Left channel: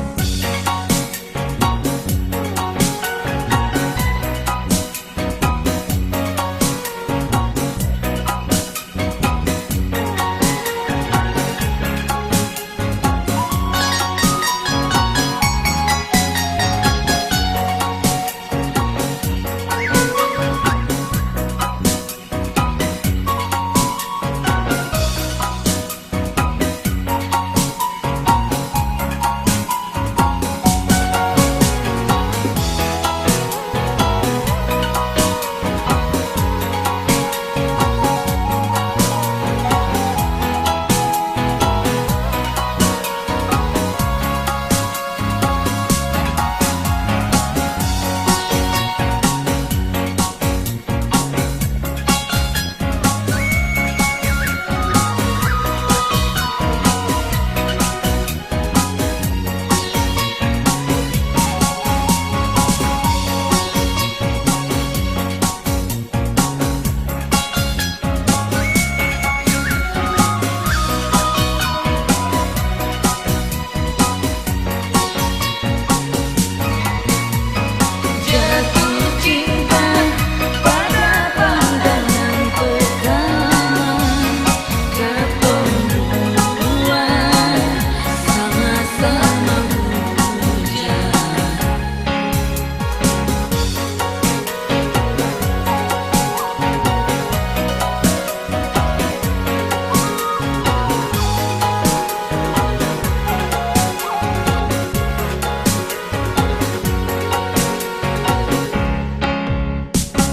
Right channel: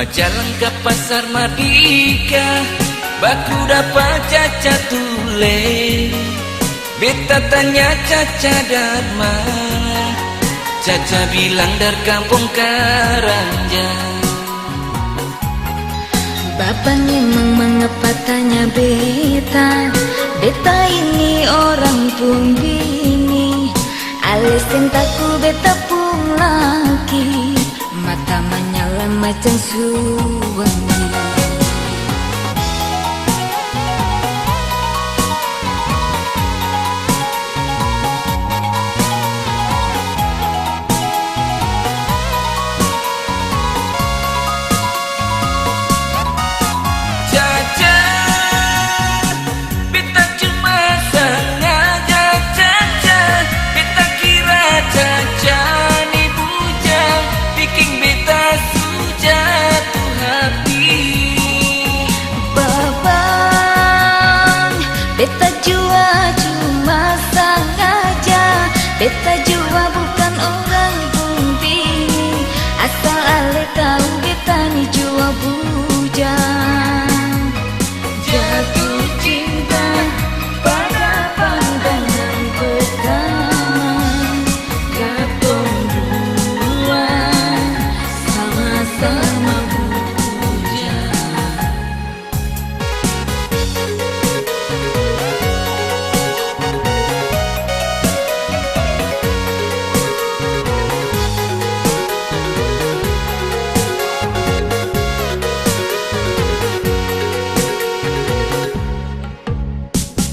Jalan ke pasar Mardika, baku dapat Caca tule. Beta tanya Caca dari mana, Caca bilang dari kampung Karanja. Bapak memang mengapa tanya beta, beta ini orang Bumbini. Alis cintaku beta pun lagi, mata menyala macam suami.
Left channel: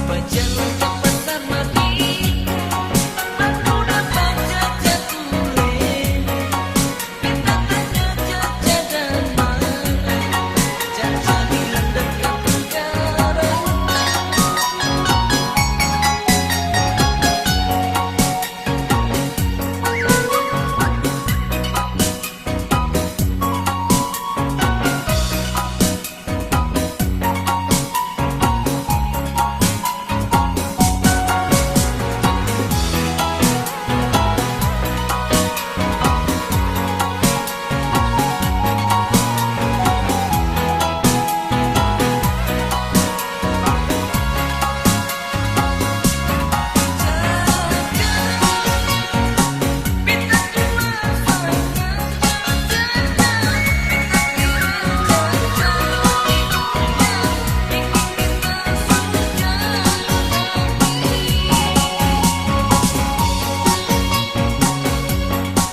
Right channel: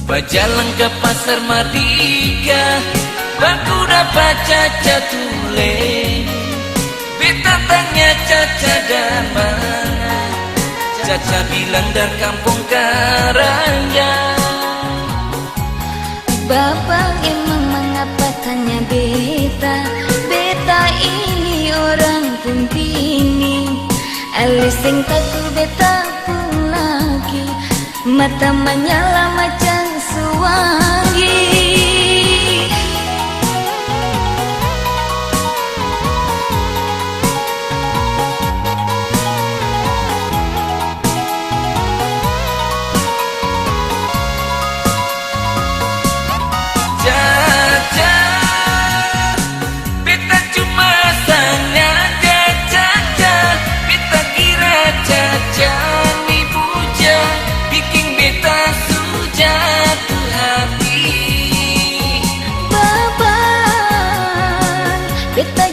Berjalan ke pasar Mardika, baku dapat Caca tule. Beta tanya Caca dari mana, Caca bilang dari kampung Karanja. Bapak emang mengapa tanya beta, beta ini orang Bumbini. Alis cintaku beta pun lagi, mata menyala macam beta